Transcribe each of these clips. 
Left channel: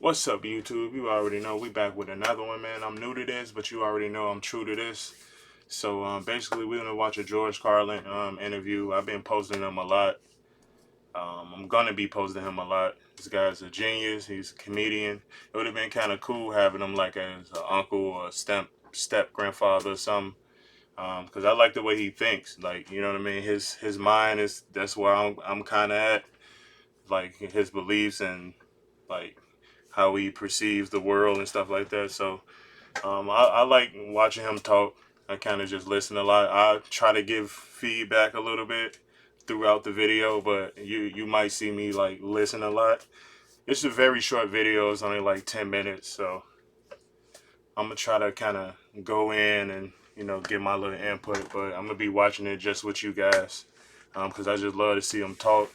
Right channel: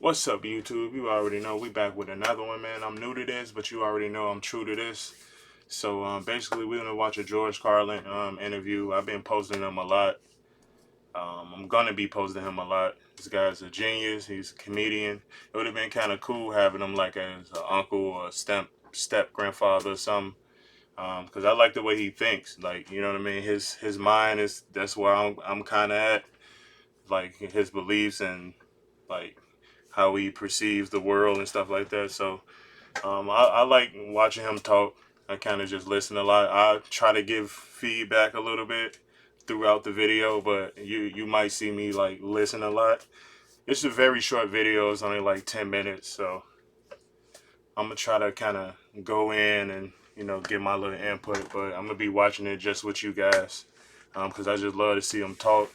What's up, YouTube? You already know we back with another one, man. I'm new to this, but you already know I'm true to this. So basically, we're gonna watch a George Carlin interview. I've been posting him a lot. I'm gonna be posting him a lot. This guy's a genius. He's a comedian. It would have been kind of cool having him like as an uncle or a step grandfather or something. Because I like the way he thinks. Like, you know what I mean. His mind is that's where I'm kind of at. Like his beliefs and like how he perceives the world and stuff like that. So I like watching him talk. I kind of just listen a lot. I try to give feedback a little bit throughout the video, but you might see me like listen a lot. It's a very short video. It's only like 10 minutes, so I'm gonna try to kind of go in and give my little input. But I'm gonna be watching it just with you guys because I just love to see him talk.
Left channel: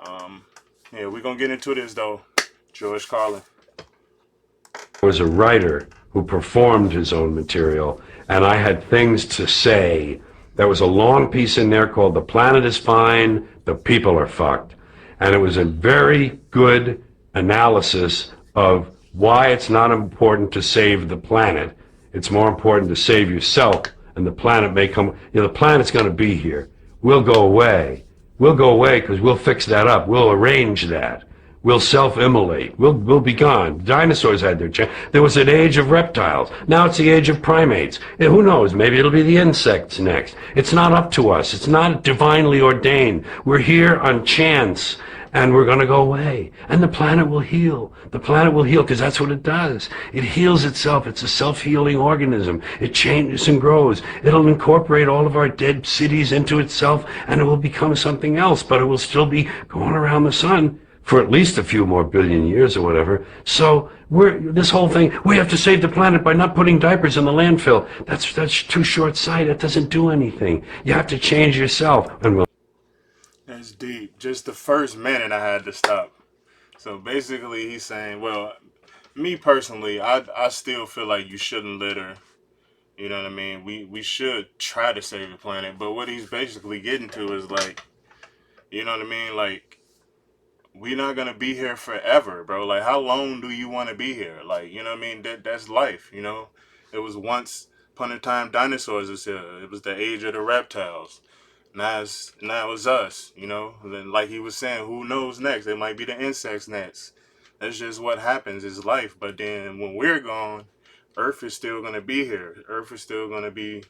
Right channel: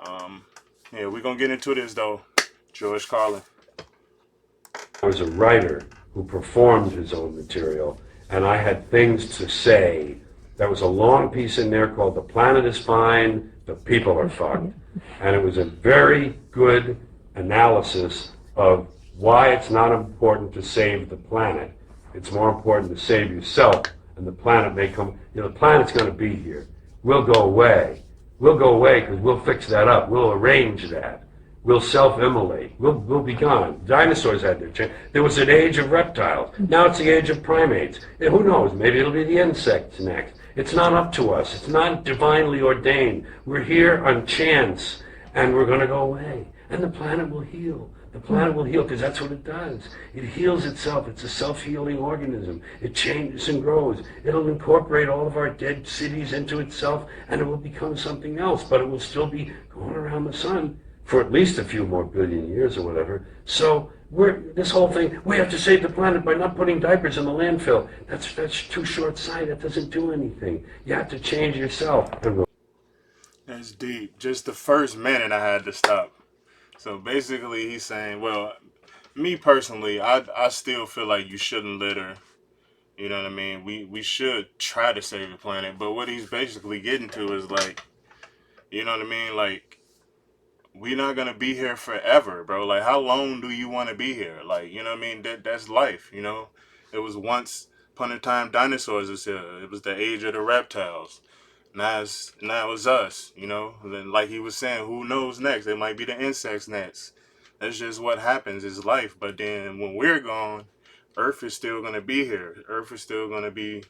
Um, yeah, we're gonna get into this though. George Carlin. Was a writer who performed his own material, and I had things to say. There was a long piece in there called "The Planet is Fine, the People are Fucked," and it was a very good analysis of why it's not important to save the planet. It's more important to save yourself, and the planet may come. The planet's going to be here. We'll go away. We'll go away because we'll fix that up. We'll arrange that. We'll self-immolate. We'll be gone. Dinosaurs had their chance. There was an age of reptiles. Now it's the age of primates. And who knows? Maybe it'll be the insects next. It's not up to us. It's not divinely ordained. We're here on chance, and we're going to go away. And the planet will heal. The planet will heal because that's what it does. It heals itself. It's a self-healing organism. It changes and grows. It'll incorporate all of our dead cities into itself, and it will become something else, but it will still be going around the sun for at least a few more billion years or whatever. So this whole thing, we have to save the planet by not putting diapers in the landfill. That's too short-sighted. It doesn't do anything. You have to change yourself. And That's deep. Just the first minute I had to stop. So basically, he's saying, well, me personally, I still feel like you shouldn't litter. You know what I mean? We should try to save the planet. But what he's basically getting to is like, you know what I mean? Like, we're not gonna be here forever, bro. Like, how long do you want to be here? Like, you know what I mean? That's life. You know, it was once upon a time dinosaurs was here. It was the age of the reptiles. Now it's us, you know. And then, like he was saying, who knows next? It might be the insects next. That's just what happens. It's life. But then when we're gone, Earth is still gonna be here. Earth is still gonna be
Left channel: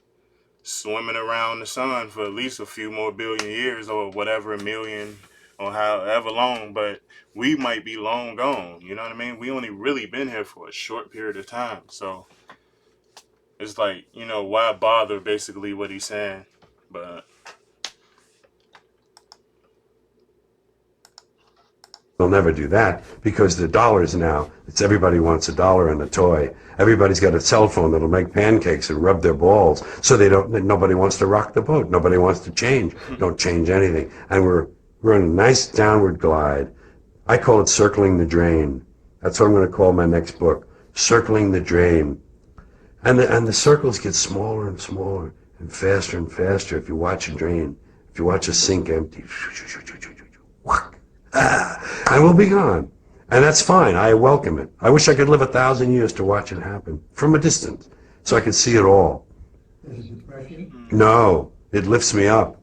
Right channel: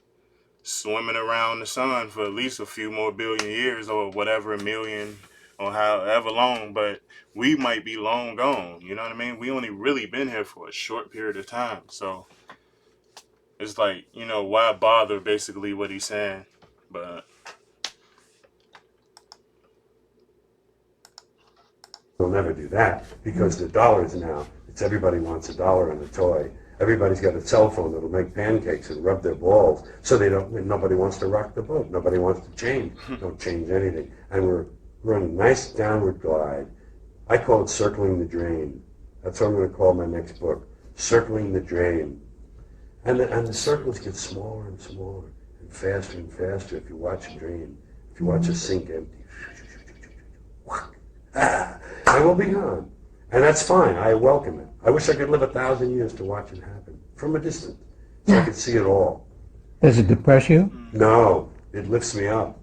swimming around the sun for at least a few more billion years or whatever, a million or however long. But we might be long gone. You know what I mean? We only really been here for a short period of time. So it's like, why bother? Basically, what he's saying, but. they'll never do that because the dollars now, it's everybody wants a dollar and a toy. Everybody's got a cell phone that'll make pancakes and rub their balls. So nobody wants to rock the boat. Nobody wants to change. Don't change anything. And we're in a nice downward glide. I call it circling the drain. That's what I'm going to call my next book, Circling the Drain. And the circles get smaller and smaller and faster if you watch a drain, if you watch a sink empty. And we'll be gone. And that's fine. I welcome it. I wish I could live 1,000 years to watch it happen from a distance so I could see it all. Does it depress you? No, it lifts me up.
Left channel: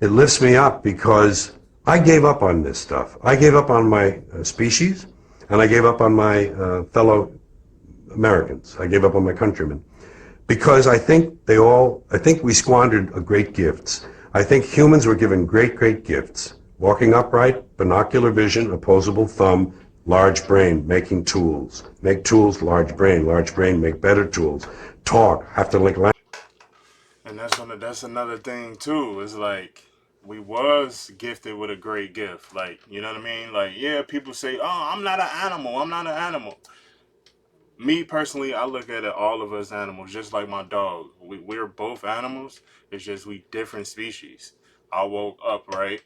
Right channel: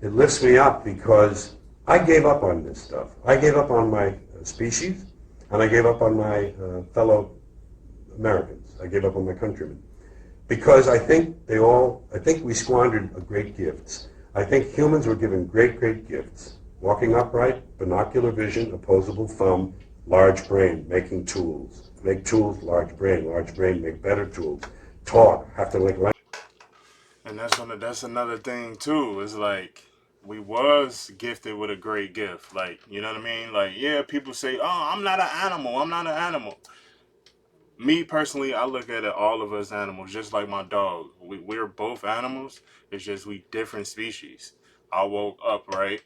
It lifts me up because I gave up on this stuff. I gave up on my species, and I gave up on my fellow Americans. I gave up on my countrymen. Because I think we squandered great gifts. I think humans were given great, great gifts. Walking upright, binocular vision, opposable thumb, large brain, making tools. Make tools, large brain, make better tools. Talk, have to link language. And that's another thing too. It's like we was gifted with a great gift. Like, you know what I mean? Like, yeah, people say, "Oh, I'm not an animal. I'm not an animal." Me personally, I look at it all of us animals, just like my dog. We're both animals. It's just we different species. I woke up right,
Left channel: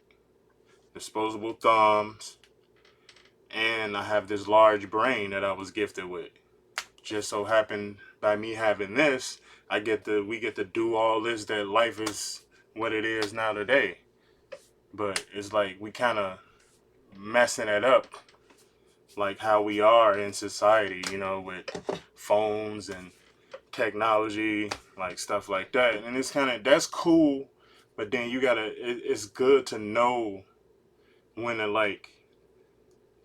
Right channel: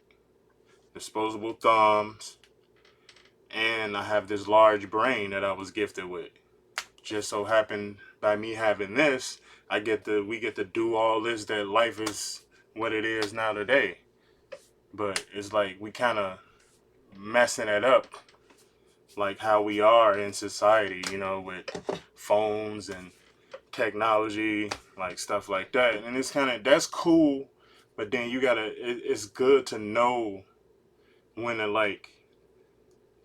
disposable thumbs, and I have this large brain that I was gifted with. Just so happened by me having this, we get to do all this that life is what it is now today. But it's like we kind of messing it up like how we are in society, you know, with phones and technology, like stuff like that. And it's kind of that's cool, but then you gotta. It's good to know when to like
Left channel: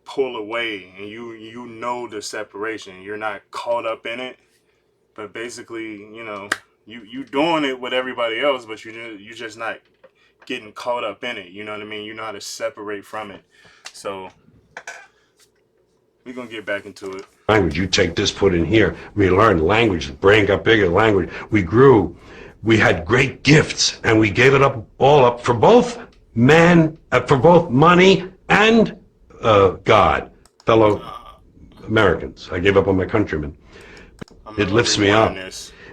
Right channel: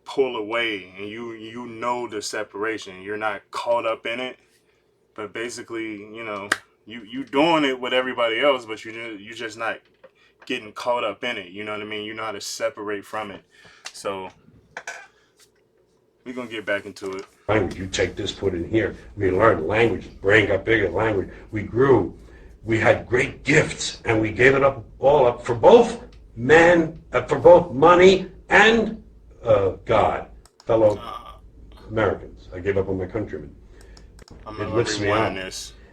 pull away, and you know the separation. You're not caught up in it, but basically, you know, you doing it with everybody else, but you just not getting caught up in it. You know what I mean? You know how to separate from it. So we're gonna get back into it. Language, you take this, put in here. We learned language, the brain got bigger, language. We grew. We had great gifts, and we gave it up all up for both for both money and God, fellow Americans. I gave up on my countrymen. It lifts me up.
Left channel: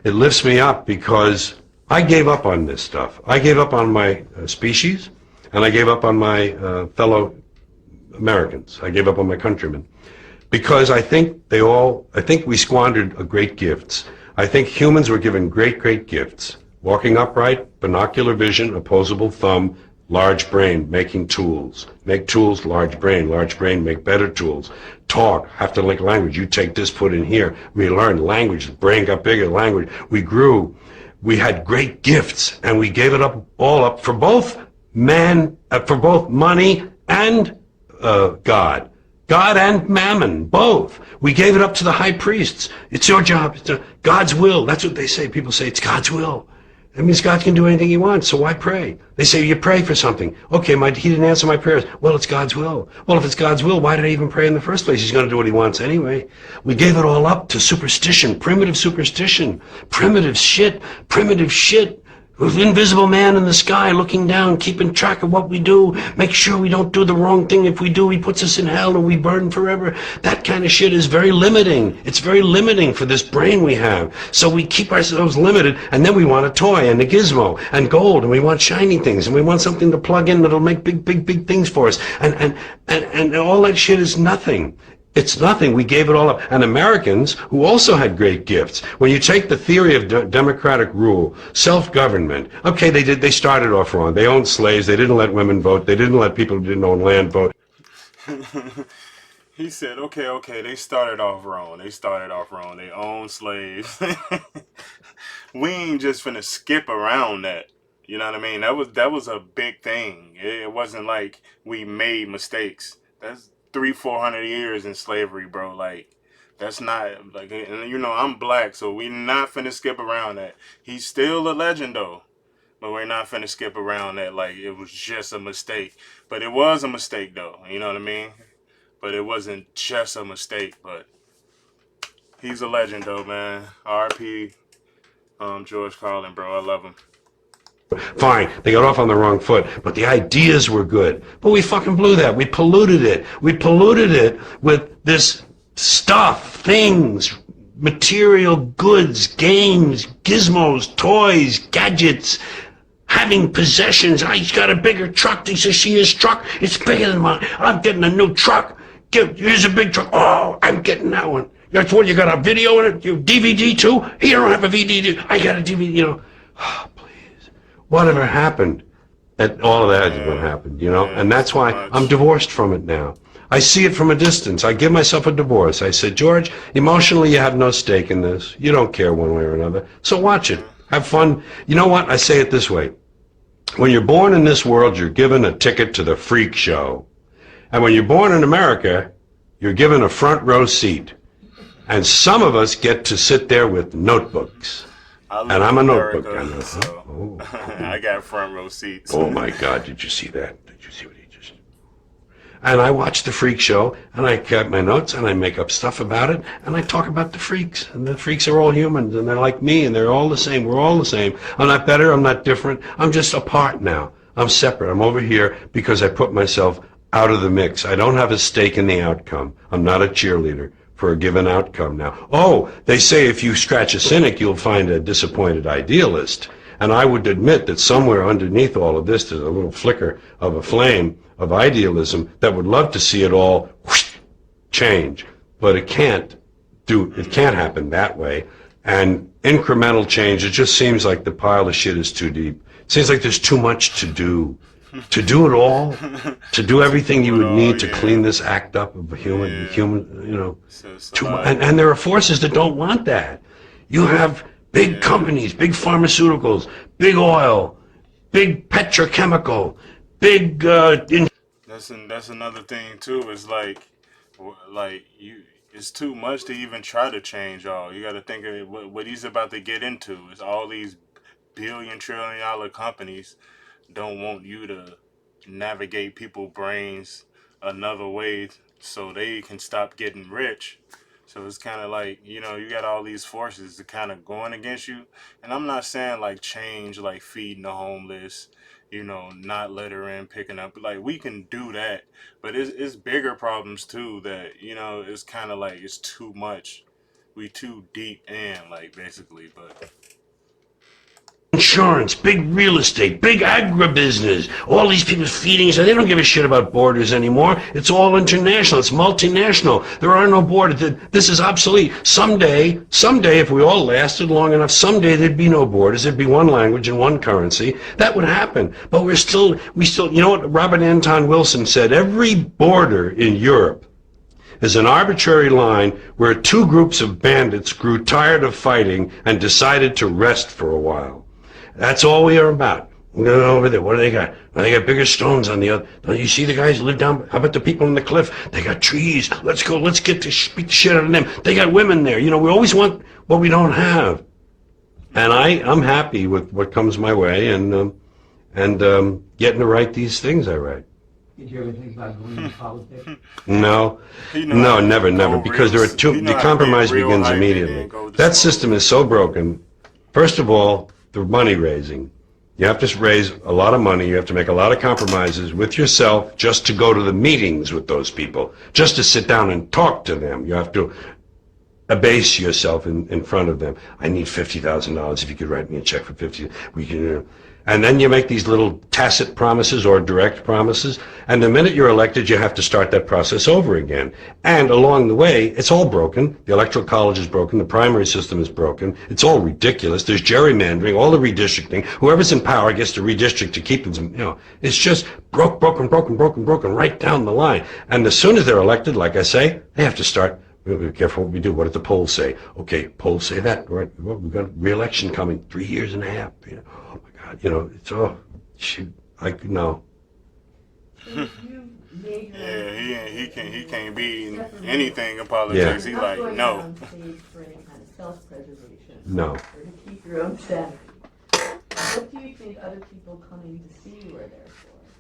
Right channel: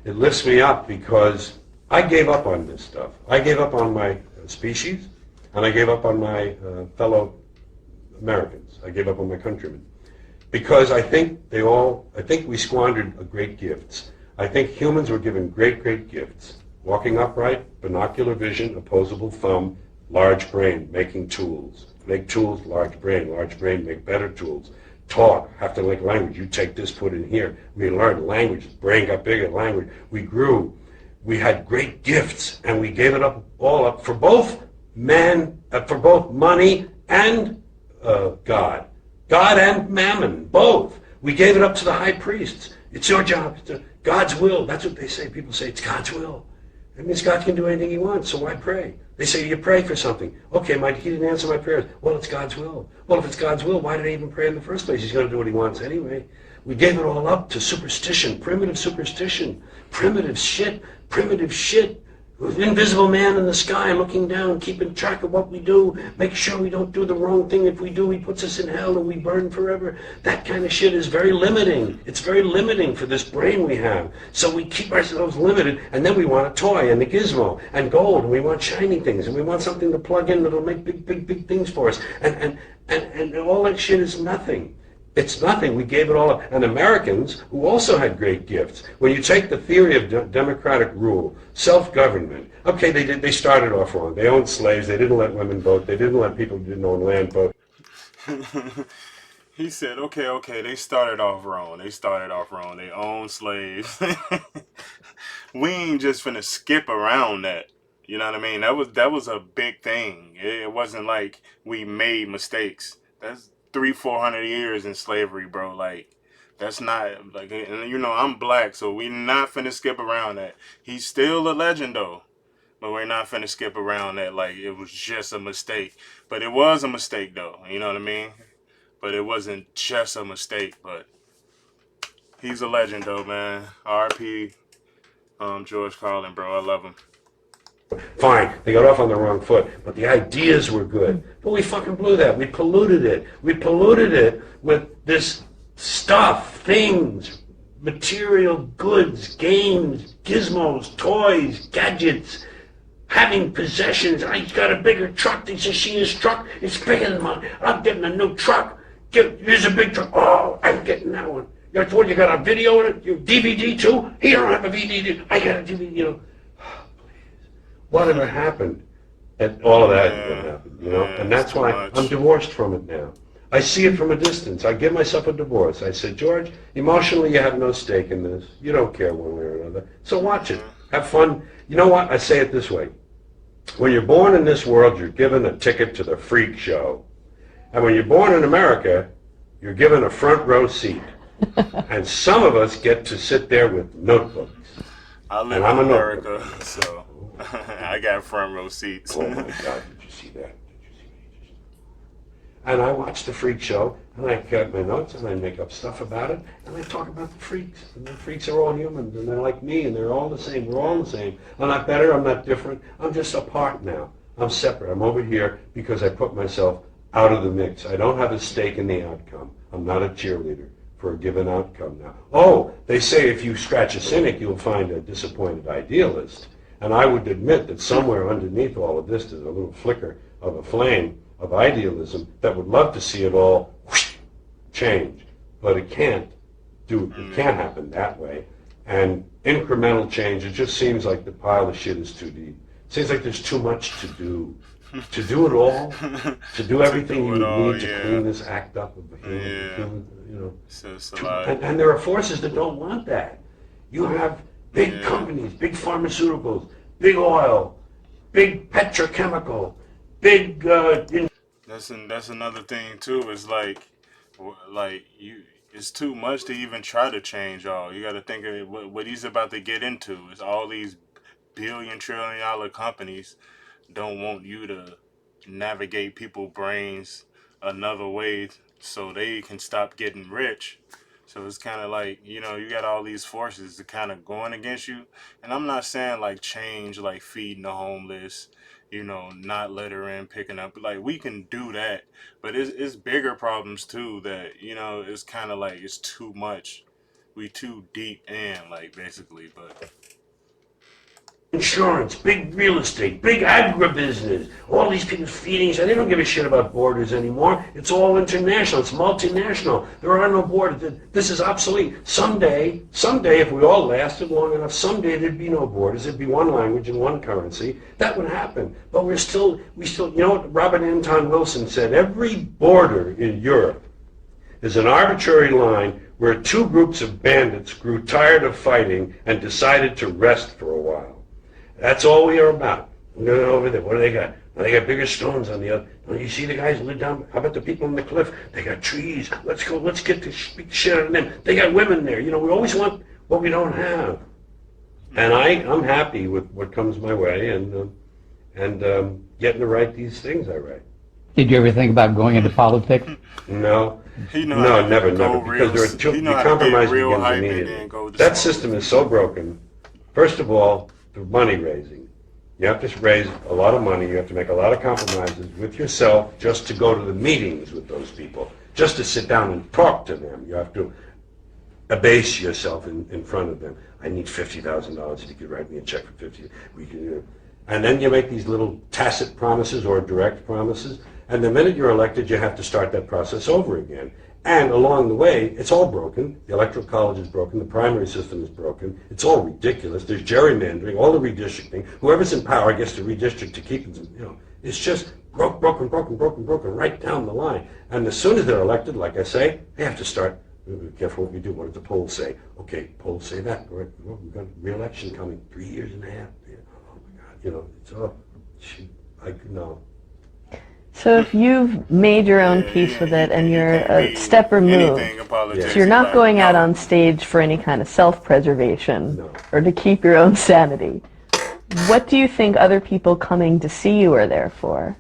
It lifts me up because I gave up on this stuff. I gave up on my species, and I gave up on my fellow Americans. I gave up on my countrymen. Because I think we squandered great gifts. I think humans were given great gifts. Walking upright, binocular vision, opposable thumb, large brain, making tools. Make tools, large brain, make better tools. Talk, have to link language. You take this, put in here. We learned language, the brain got bigger, language. We grew. We had great gifts, and we gave it up all up for both for both money and God. God and mammon, both. We gave it up to the high priests. It's your job. It's God's will. That's what they say. People say it's God's will. That means God can do anything he wants, so why pray? They say you pray for something. Okay, he didn't answer my prayers. Well, it's God's will. Well, if it's God's will, why did I even pray in the first place? He's going to do what he wants anyway. We gave it all up to superstition, primitive shit. With invisible man in the sky looking down, keeping track of what we do, make sure we don't do the wrong thing. If we do, he puts us in hell and we burn forever. That kind of shit is very limiting. It's very limiting for this brain we have. So we keep ourselves limited, and then we want a toy and a gizmo and gold, and we want shiny things, and we want something to plug in that'll make big things for us. And all that shit is nothing. It's nothing. We gave it all up. And Americans, who also had great gifts, when you take the theory of democratic rule, self-government, okay, they started off wrong. They owned slaves. They didn't let women vote. They didn't let people who didn't own land vote. He said, okay, they started off wrong. They owned slaves. We ain't just finna skip around that. You know what I mean? That was a big thing. It wasn't like we made mistakes. That's 300-400 years in slavery, bro. Like, that's not like, and you know, I'm black, so we not finna skip around that. He's still a legend though, but we're not finna skip around that like it was just a mistake. But it was a mistake though, you know what I mean? But it wasn't just a mistake. But he's a legend though, man. R.I.P. George Carlin, bro. I love him. Fine, they got off on the wrong foot, but the ideas were good. But we fucking blew that. We polluted it. We polluted it with this stuff, things, material goods, games, gizmos, toys, gadgets, having possessions. He's got a bigger truck. He says, see his truck? It's bigger than mine. I'm getting a new truck. Here's a big truck. Oh, I'm getting that one. That's what, you got a video in it? You DVD too? You don't have a DVD. I got a DVD, you know. Whatever happened, and all of that is what happened, you know, and that's why I'm divorced from it now. I see it from a distance. I give myself a divorce. I said, George, emotionally you have no stake in this. You don't care one way or another. So watch it. Have fun. You know what? I say it this way. When you're born in this world, you're given a ticket to the freak show. And when you're born in America, you're given a front row seat. And some of us get to sit there with notebooks. I live in America, so I got front row seats. Oh my God, did you see that? Did you see what he just... And I watch the freak show, and I get my notes, and I make up stuff about it, and I talk about the freaks. And the freaks are all humans, and they're like me, and they're all the same. We're all the same. I'm not better, I'm not different. I'm just apart now. I'm separate. I'm over here because I put myself out of the mix. I don't have a stake in the outcome. I'm not a cheerleader for a given outcome now. Oh, they say if you scratch a cynic, you'll find a disappointed idealist. And I would admit that somewhere underneath all of this, there's a little flicker of a flame of idealism that would love to see it all whoosh, change. But it can't happen that way. And incremental change, it just seems like the pile of shit is too deep. It seems like there's too much to do. to do it all, to do everything you do it would all, need to yeah. clean this act up of Yeah. human, you know. It's a lot. And there are forces that don't want that. You have big Yeah. companies, big pharmaceuticals, big oil, big petrochemical, big That's another thing too. It's like you. It's too much to even try to change all. You got to think of it, what he's about to get into. Is all these billion-trillion-dollar companies don't want you to navigate people's brains another way so they can stop getting rich. So it's kind of like, you got all these forces that kind of going against you. And I'm not saying like change, like feeding the homeless, not littering, picking up. Like we can do that. But it's bigger problems too that, it's kind of like it's too much. We too deep in, like basically. But insurance, big real estate, big agribusiness. All these people feeding each other. They don't give a shit about borders anymore. It's all international. It's multinational. There are no borders. This is obsolete. Someday, if we all lasted long enough, someday there'd be no borders. There'd be one language and one currency. That would happen. But we still, you know what Robert Anton Wilson said? Every border in Europe is an arbitrary line where two groups of bandits grew tired of fighting and decided to rest for a while. That's all we are about. We're going over there. What do they got? Well, they got bigger stones on the other. Don't you see the guys who live down? How about the people on the cliff? They got trees. Let's go. Let's get to beat the shit out of them. They got women there. We always want what we don't have. And I'm happy with what comes my way and getting to write these things I write. Did you ever think about going into politics? No, never, because there are the compromise begins immediately. That system is so broken. First of all, the money raising. You have to raise a lot of money. You have to make a lot of compromises with yourself just to go to the meetings with those people, just to sit down and talk to them. You have to abase yourself in front of them. I need $50,000 if you could write me a check for 50. We can. And then you make these little tacit promises or direct promises, and the minute you're elected, you have to start that process over again. And along the way, it's all broken. The electoral college is broken. The primary system is broken. It's all ridiculous. There's gerrymandering, all the redistricting. Whoever's in power gets to redistrict to keep it. It's just broken right down the line. And as soon as they're elected, like I say, they have to start. Be careful what we do. What did the polls say? Okay, polls say that. Right? We've got re-election coming 3 years and a half. It's no. So if you've made your own peace with it and you're a step removed, Yeah. you're not going out on stage for any kind of self-preservation or to keep your own sanity. What do you think other people coming to see you are there for?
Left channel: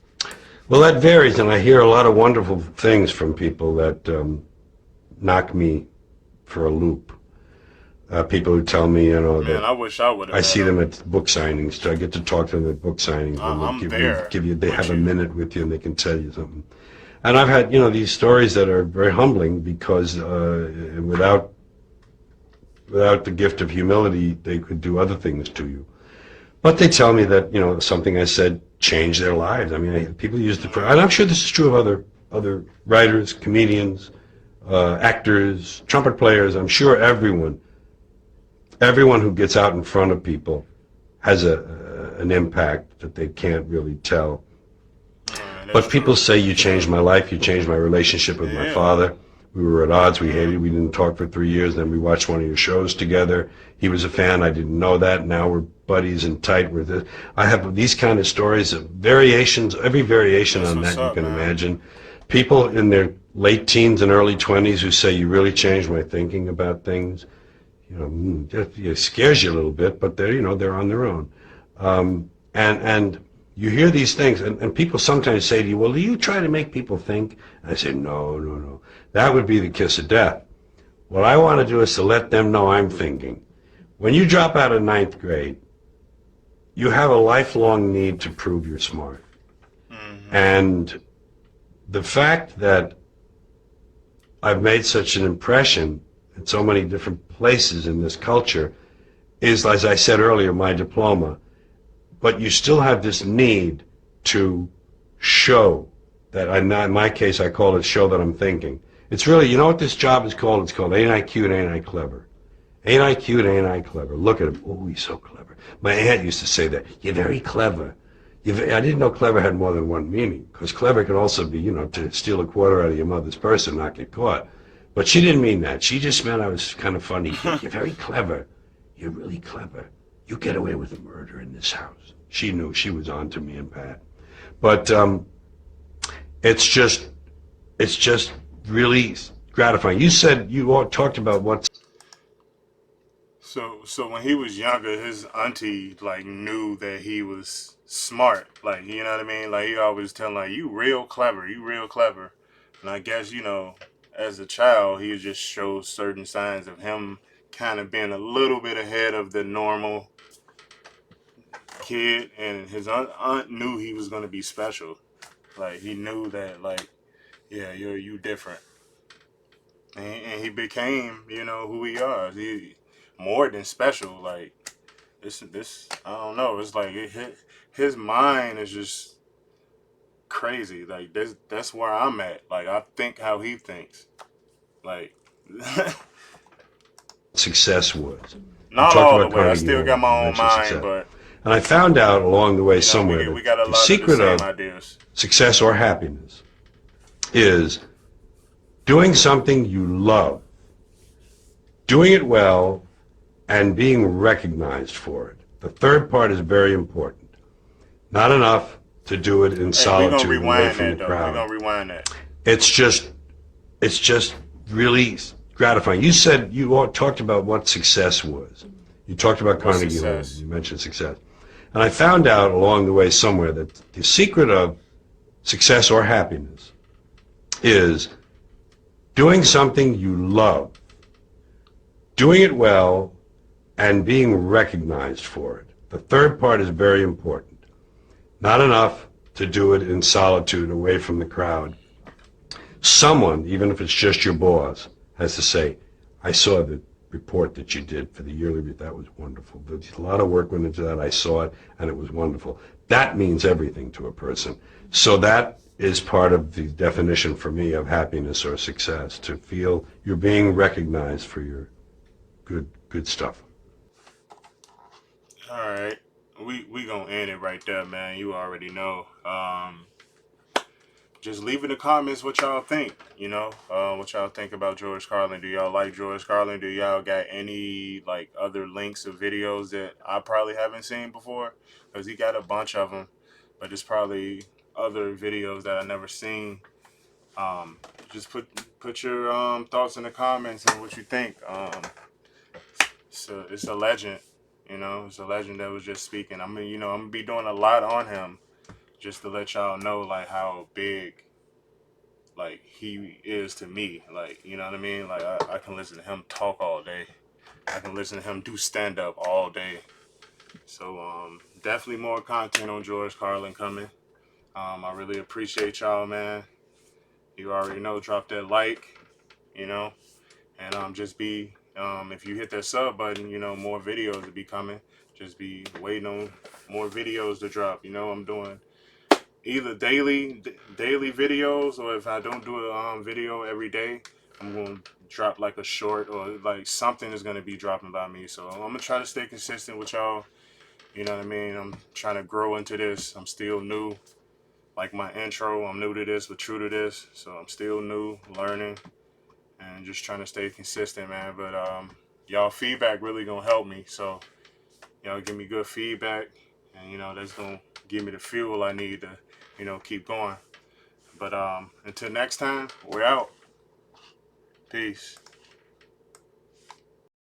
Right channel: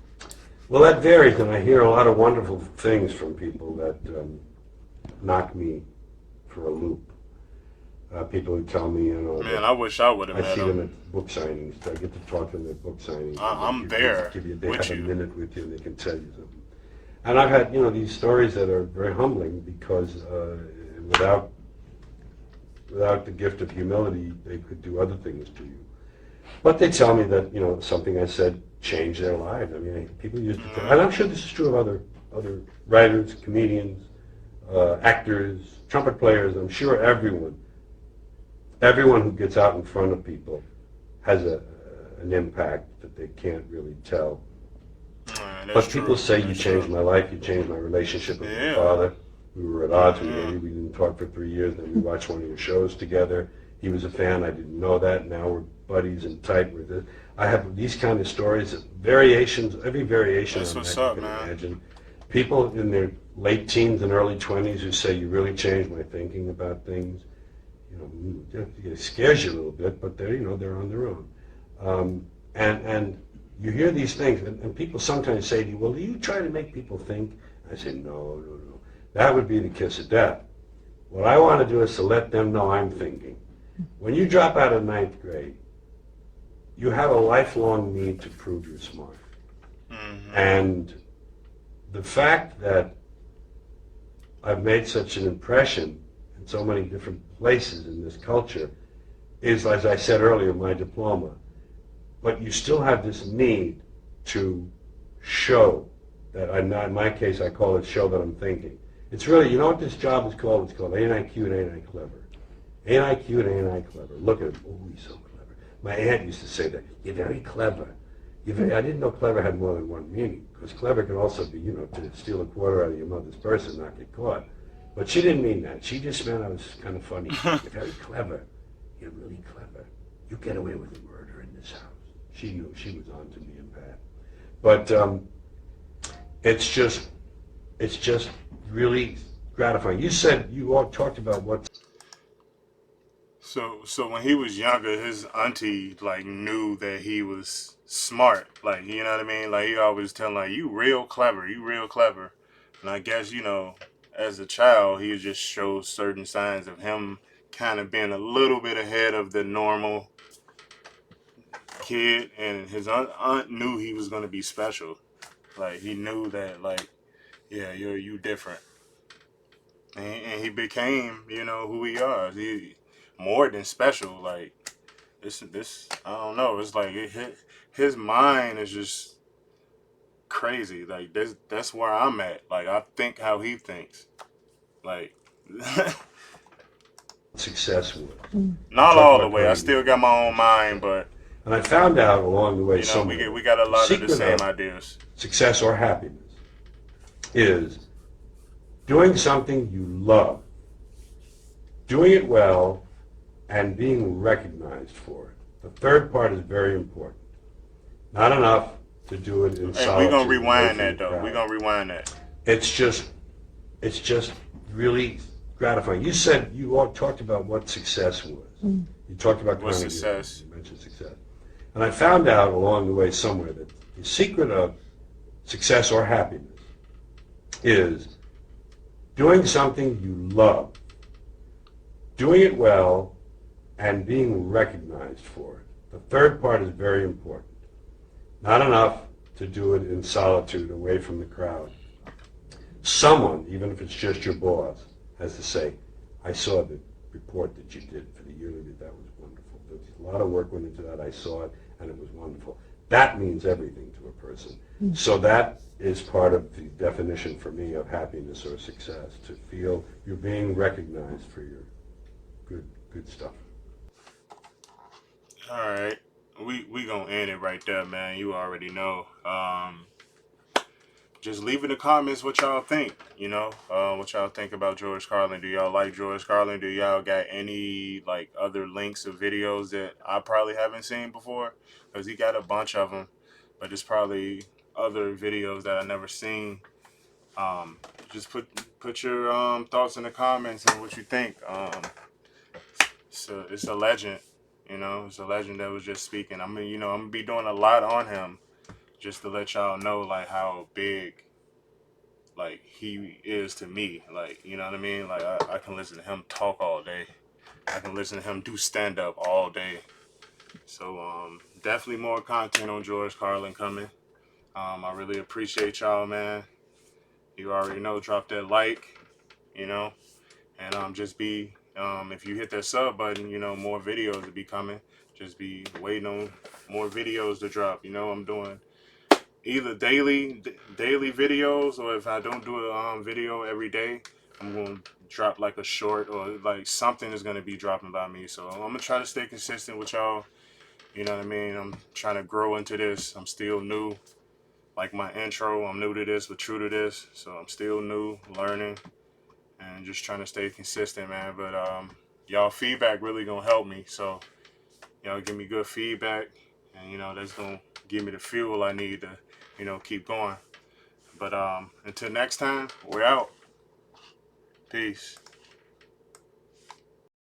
Well, that varies, and I hear a lot of wonderful things from people that knock me for a loop. People who tell me, man, I wish I would have. I see them at book signings. So I get to talk to them at book signings. I'm there. They have a minute with you and they can tell you something. And I've had, these stories that are very humbling because without the gift of humility, they could do other things to you. But they tell me that, something I said changed their lives. I mean, people use the, and I'm sure this is true of other writers, comedians, actors, trumpet players. I'm sure everyone who gets out in front of people has an impact that they can't really tell. But people say, you changed my life, you changed my relationship with my father. We were at odds, we hated, we didn't talk for 3 years, then we watched one of your shows together. He was a fan, I didn't know that, now we're buddies and tight with it. I have these kind of stories of variations, every variation on that you can imagine. People in their late teens and early 20s who say, you really changed my thinking about things. It scares you a little bit, but they're on their own. And you hear these things, and people sometimes say to you, well, do you try to make people think? And I say, no. That would be the kiss of death. What I want to do is to let them know I'm thinking. When you drop out of 9th grade, you have a lifelong need to prove you're smart. Mm-hmm. And the fact that I've made such an impression in so many different places in this culture is, as I said earlier, my diploma. But you still have this need to show that, in my case, I call it show that I'm thinking. It's really, you know what this job is called? It's called Ain't I Cute, Ain't I Clever? Ain't I cute, ain't I clever? Look at him. Oh, he's so clever. My aunt used to say that. You're very clever. I didn't know clever had more than one meaning, because clever can also be, to steal a quarter out of your mother's purse and not get caught. But she didn't mean that. She just meant I was kind of funny. You're very clever. You're really clever. You get away with a murder in this house. She knew she was on to me and Pat. But it's just, it's just really gratifying. You said you all talked about what. So when he was younger, his auntie like knew that he was smart. Like, you know what I mean? Like, he always telling like, you real clever, you real clever. And I guess, as a child, he just shows certain signs of him kind of being a little bit ahead of the normal kid, and his aunt knew he was gonna be special. Like, he knew that, like, yeah, you different, and he became, who he is. He more than special. Like, this I don't know. It's like his mind is just crazy. Like, that's where I'm at. Like, I think how he thinks. Like, Success was. You not talked all the about way. I Carnegie still Mellon. got my You own mentioned mind, success. but And I found out along the way somewhere we that got a the lot of the secret same of ideas. success or happiness is doing something you love, doing it well, and being recognized for it. The third part is very important. Not enough to do it in Hey, we gonna solitude away rewind from the that though. We crowd. gonna rewind that. It's just, it's just really gratifying. You said you all talked about what success was. You talked about What's Carnegie Mellon. success? You mentioned success. And I found out along the way somewhere that the secret of success or happiness is doing something you love, doing it well, and being recognized for it. The third part is very important. Not enough to do it in solitude away from the crowd. Someone, even if it's just your boss, has to say, I saw the report that you did for the yearly, that was wonderful. There's a lot of work went into that. I saw it, and it was wonderful. That means everything to a person. So that is part of the definition for me of happiness or success, to feel you're being recognized for your good stuff. All right, we gonna end it right there, man. You already know. Just leave in the comments what y'all think. What y'all think about George Carlin. Do y'all like George Carlin? Do y'all got any like other links of videos that I probably haven't seen before? Because he got a bunch of them, but there's probably other videos that I never seen. Um, just put your thoughts in the comments and what you think. It's a legend. It's a legend that was just speaking. I mean, I'm gonna be doing a lot on him just to let y'all know like how big like he is to me. Like, you know what I mean? Like, I can listen to him talk all day. I can listen to him do stand up all day. So definitely more content on George Carlin coming. I really appreciate y'all, man. You already know, drop that like, you know, and just be if you hit that sub button, more videos will be coming. Just be waiting on more videos to drop. I'm doing either daily videos, or if I don't do a video every day, I'm gonna drop like a short, or like something is gonna be dropping by me. So I'm gonna try to stay consistent with y'all. You know what I mean? I'm trying to grow into this. I'm still new. Like my intro, I'm new to this, but true to this. So I'm still new, learning, and just trying to stay consistent, man. But y'all feedback really gonna help me. So y'all give me good feedback, and that's gonna give me the fuel I need to, keep going. But until next time, we're out. Peace.